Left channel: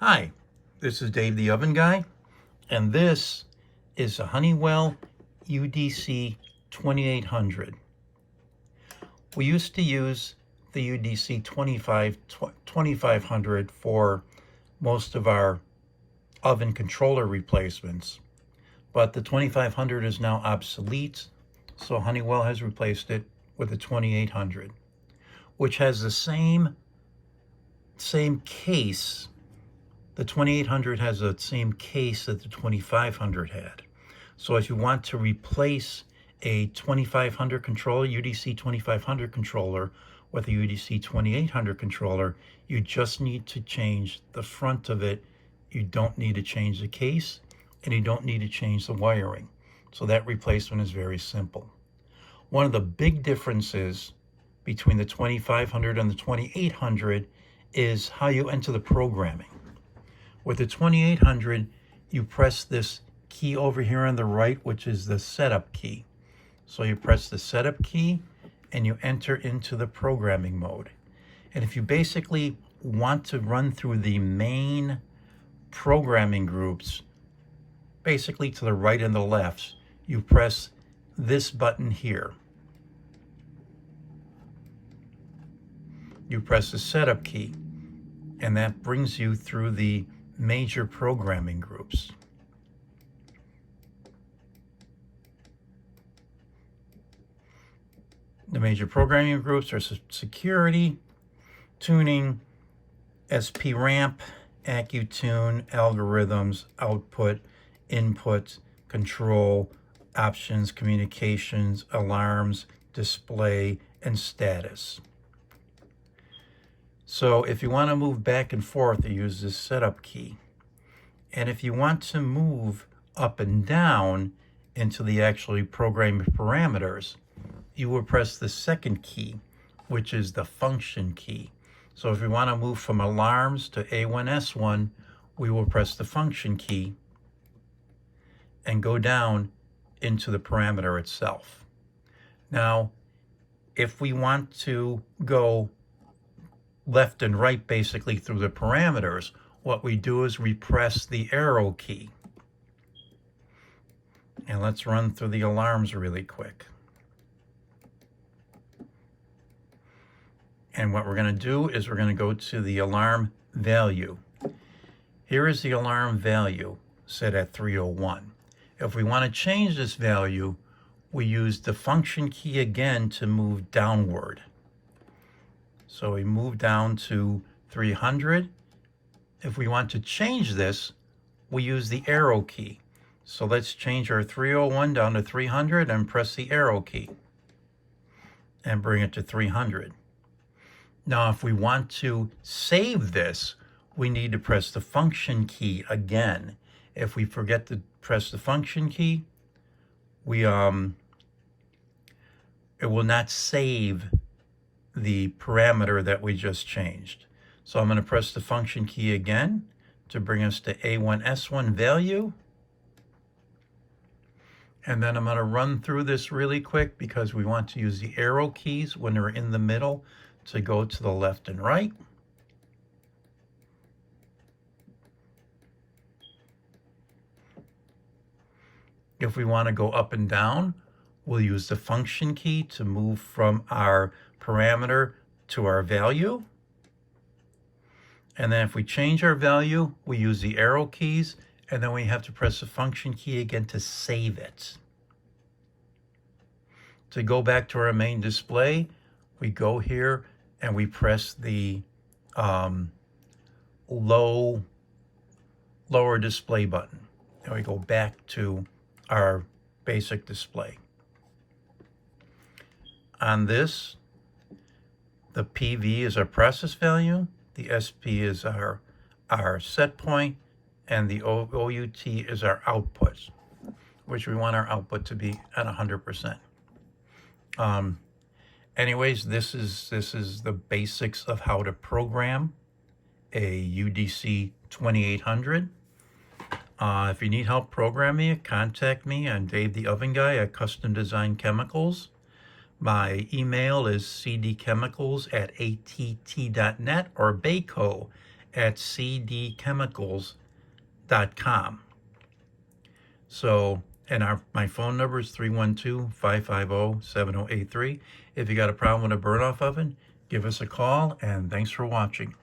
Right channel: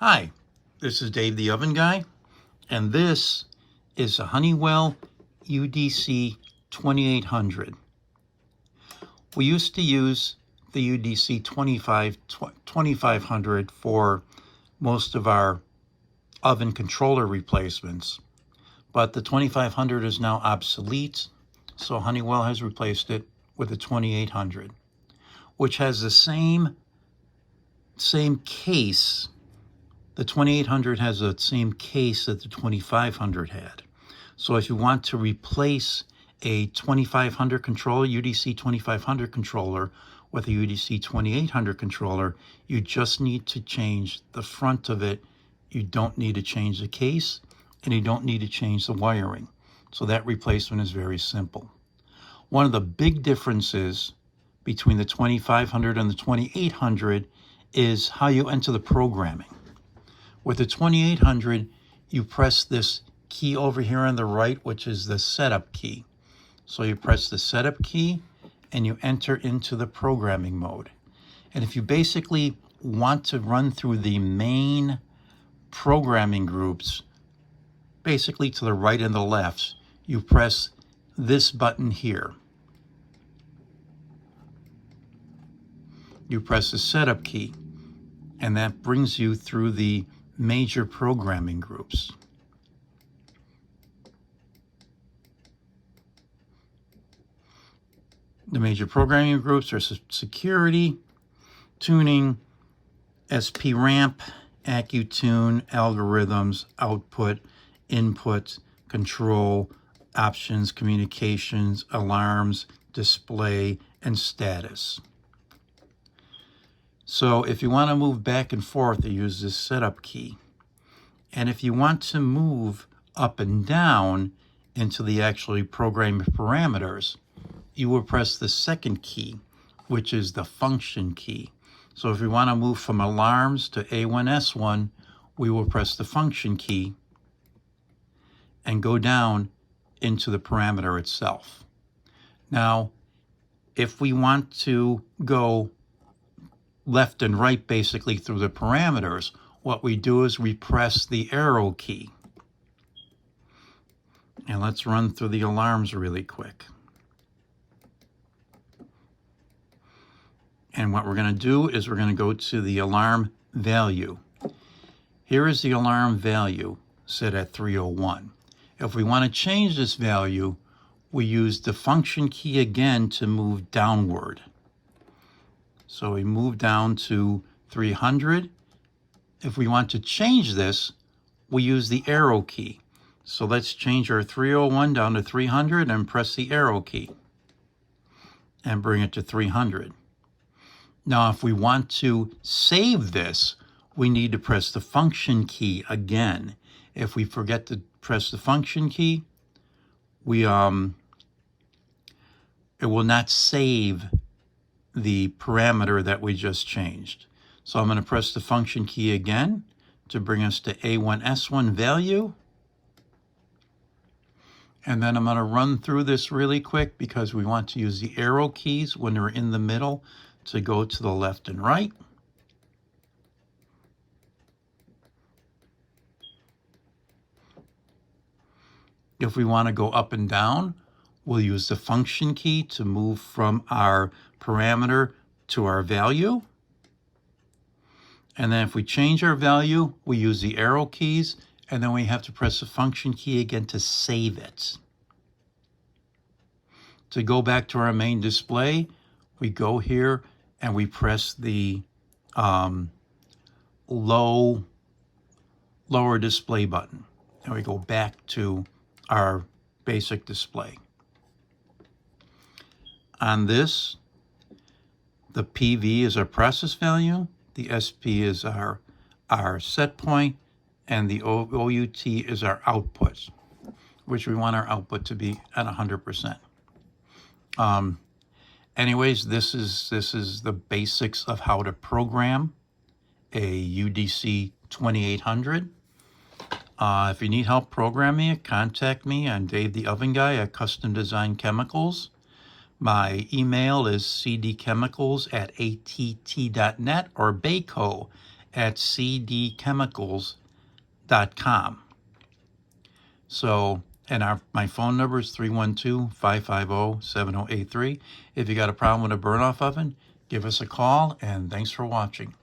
Hi, this is Dave the Oven Guy, and this is a Honeywell UDC-2800. We used to use the UDC-2500 for most of our oven controller replacements, but the 2500 is now obsolete, so Honeywell has replaced it with the 2800, which has the same case. The 2800 has the same case that the 2500 had. So if you want to replace a 2500 controller, UDC 2500 controller, with a UDC 2800 controller, you just need to change the front of it. You don't need to change the case, and you don't need to change the wiring. So that replacement is very simple. One of the big differences between the 2500 and the 2800 is how you enter the programming. With the 2800, you press this key over here on the right, which is the setup key. So you press the setup key and you enter into the programming mode. And if you basically want to run through the main programming groups, basically to the right and the left, you press this button here. You press the setup key, and that brings you through the major programming groups. The major programming groups are security, tuning, SP ramp, AccuTune, algorithms, output, input, control, options, communications, alarms, display, and status. So if you want to move back and forth, you use this setup key. And if you want to move up and down into the actually programming parameters, you will press the second key, which is the function key. So if we want to move from alarms to A1S1, we will press the function key and go down into the parameter itself. Now, if we want to go left and right basically through the parameters, what we do is we press the arrow key. And let's run through the alarms really quick. And what we're going to do is we're going to go to the alarm value. Here is the alarm value set at 301. If we want to change this value, we use the function key again to move downward. So we move down to 300. If we want to change this, we use the arrow key. So let's change our 301 down to 300 and press the arrow key and bring it to 300. Now, if we want to save this, we need to press the function key again. If we forget to press the function key, it will not save the parameter that we just changed. So I'm going to press the function key again to bring us to A1S1 value. And then I'm going to run through this really quick because we want to use the arrow keys when they're in the middle to go to the left and right. If we want to go up and down, we'll use the function key to move from our parameter to our value. And then if we change our value, we use the arrow keys, and then we have to press the function key again to save it. To go back to our main display, we go here and we press the lower display button, and we go back to our basic display. On this, the PV is our process value, the SP is our set point, and the OUT is our output, which we want our output to be at 100%. Anyways, this is the basics of how to program a UDC 2800. If you need help programming it, contact me. I'm Dave the Oven Guy at Custom Design Chemicals. My email is cdchemicals@att.net or bayco at cdchemicals.com. So, and my phone number is 312-550-7083. If you got a problem with a burn-off oven, give us a call, and thanks for watching.